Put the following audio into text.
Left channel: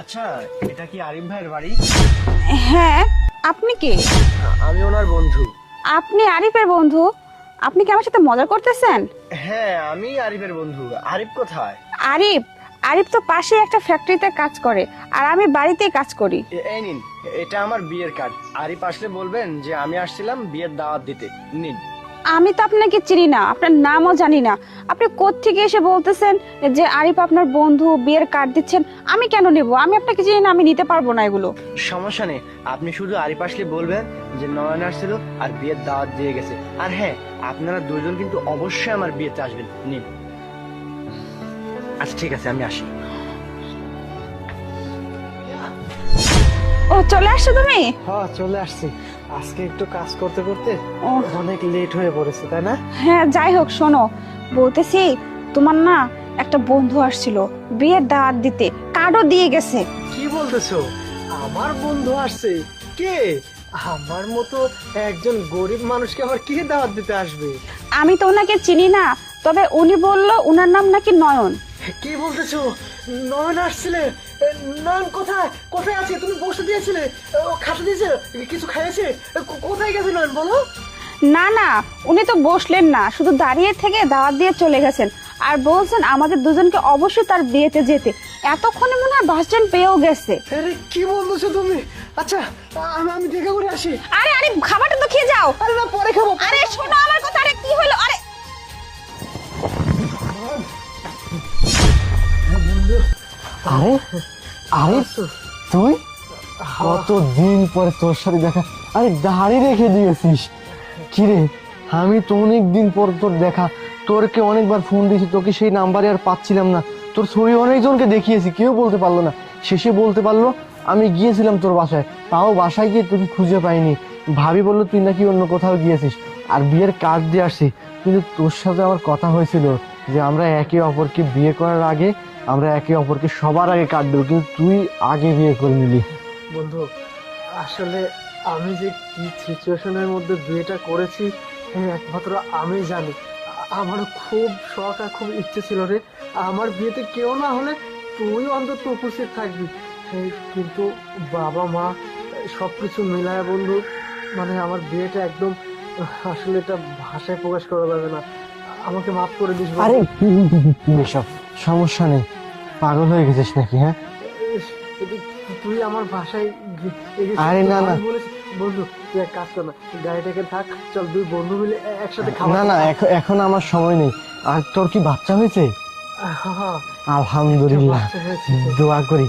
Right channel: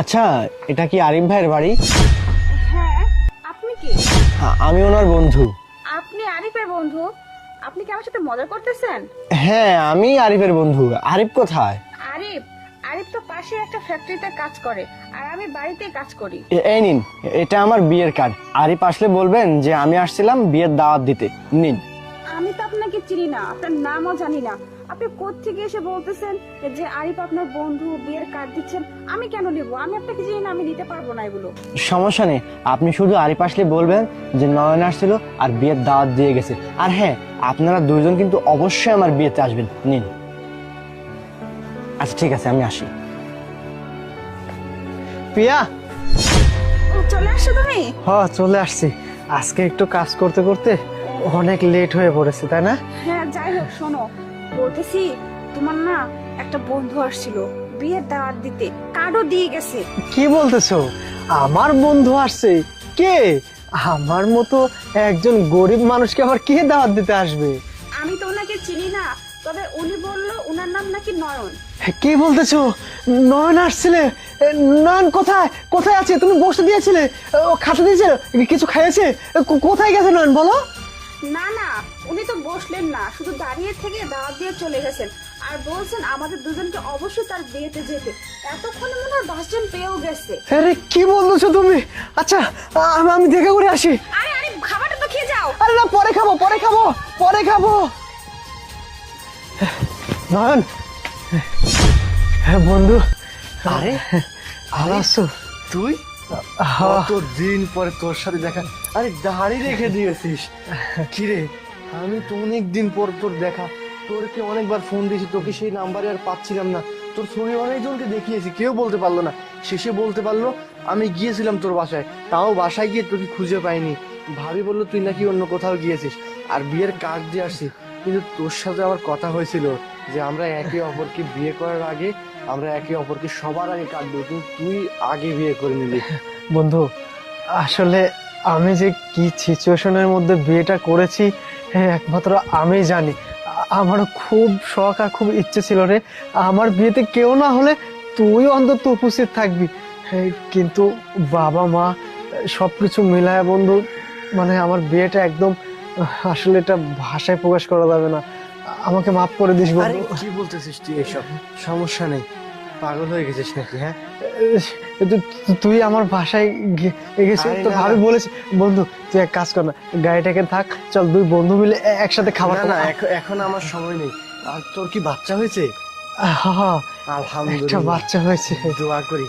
আচ্ছা, এটা কি আরিফ ভাইয়ের বাড়ি? হ্যাঁ, আপনি কে? আমি ওনার বন্ধু। আপনি আরিফের বন্ধু? আপনি কি আমার সাথে মজা করতেছেন? হ্যাঁ, আমি আরিফের বন্ধু। আরিফ কোথায়? আরিফ আরিফ তো পাশে একটা ফ্যাক্টরিতে কাজ করে, আর আমি বাড়িতেই কাজ করি। এই নিন, এটা আমার বিয়ের কার্ড। আরিফ আসলে বলবেন যে আমি আসছিলাম বিয়ের দাওয়াত দিতে। নিন। আমি তো আপনাকে চিনি না, আপনার নামও জানি না। আপনি কোত্থেকে এসে বলতেছেন যে আরিফ আপনার বন্ধু, বিয়ের কার্ড দিচ্ছেন? আমি কেন নেব? আমি আপনাকে চিনি না, আমি নিতে পারবো না এগুলো। সমস্যা নেই, আপনি শুধু আরিফ আসলে বলবেন যে নয়ন আসছিল আর বিয়ের দাওয়াত দিয়ে গেছে। আর হ্যাঁ, আপনারা দুজন কিন্তু অবশ্যই আমার বিয়েতে আসবেন। নিন। আচ্ছা ঠিক আছে, আমি আসি। প্রিয়া। ও, চলে আসছো তুমি? হ্যাঁ, চলে আসছি। আজকে একটু কাজ করতে করতে অনেক লেট হয়ে পড়েছে, তাই না? হ্যাঁ, যাই হোক, শোনো, বলতেছি তোমার না একটা বন্ধু আসছিল বিয়ের দাওয়াত দিতে, কার্ডও দিয়ে গেছে। কি বলতেছো? আমার বন্ধু আসছে? কে? আমার মতো একজন গরিব মানুষকে আবার কে দাওয়াত দিতে আসবে? আমি তো ওনাকে চিনি না, তবে উনি বলল ওনার নাম নাকি নয়ন। কি বলতেছো? নয়ন আসছিলে? নয়ন কোথায় কোথায় আছে? তুমি বসে দিয়েছিলে, ও খাতে দিয়েছে, কিছু খাইয়েছে? কোথায় গেছে নয়ন, বলো? না না, উনি তো বসলেন না, শুধু দাঁড়িয়ে থেকে দাওয়াত দিয়ে চলে গেছেন, আর বলছেন আমাদের দুজনকে অবশ্যই তার বিয়েতে যেতে। এতক্ষণে মনে হয় বাস স্ট্যান্ড পেয়েও গেছে। আরে কি বলতেছো তুমি? আচ্ছা, আমি দেখা করে আসি। আরে আরে, খাবারটা তো খেয়ে যাও। আরে না, পরে খাবো, পরে আরে খাবো, শোনো, আমার পরে কথা খাবো। কি হলো? আরে নয়ন। হ্যাঁ বন্ধু। আরে আরিফ, তুই? কতদিন পরে তোর সাথে দেখা। আমি দাঁড়িয়ে রেখে দিয়েছিস। কিরে, আমি তো অনেক দিন পর তোর দেখা। তোরকে অনেকবার ফোন দিয়েছি, তোকে সেই নাম্বারে আর পাচ্ছিলাম না। তোর ছবি অনেকজনকে দেখিয়েছি, কেউ বলতে পারলো না। শেষে বলতে পারলো আমি গিয়েছিলাম তোর বাসায়, তাও বাসায় গিয়ে তোকে খুঁজে পাইনি। ভাবি বললো তুই নাকি অন্য কোথাও গিয়েছিস, আর বিয়ের কার্ড দিয়ে আসছি। কিন্তু তোর সাথে আমার কথা হয়েছিল যে আমরা একে অপরকে বিয়ে করার আগে আমরা একে অপরকে সবার আগে কার্ড দেবো, কিন্তু তুই আগে বিয়ে করে নিলি। বন্ধু, আসলে আমি যে কি সিচুয়েশনের মধ্যে বিয়েটা করেছি একমাত্র আমি জানি। আমারও খুব শখ আর খুব ইচ্ছে ছিল রে, আমার বিয়েতে কেউ না হলে তুই অন্তত উপস্থিত থাকবি। কিন্তু বাবা মা সবকিছু মিলায় বন্ধু, মানে আমার বিয়েটা একদম, আসলে এটা ভাষায় প্রকাশ করা যাবে না। আমাকে মাফ করে দিস। আরে কি বলতেছিস তুই এসব? সমস্যা নেই, পাগল হয়ে গেছিস নাকি? হ্যাঁ, তুই আমার বাসায় আমি বলেছি। বন্ধু, তুই এক কাজ কর না, গাড়িটাকে থাক, চল দুই বন্ধু মিলে একসাথে খাবার। না, এখন আমার সময় নেই। আর তোর কি বাচ্চা হয়েছে? হ্যাঁ, আলহামদুলিল্লাহ, বাচ্চা হয়েছে। দোয়া করি।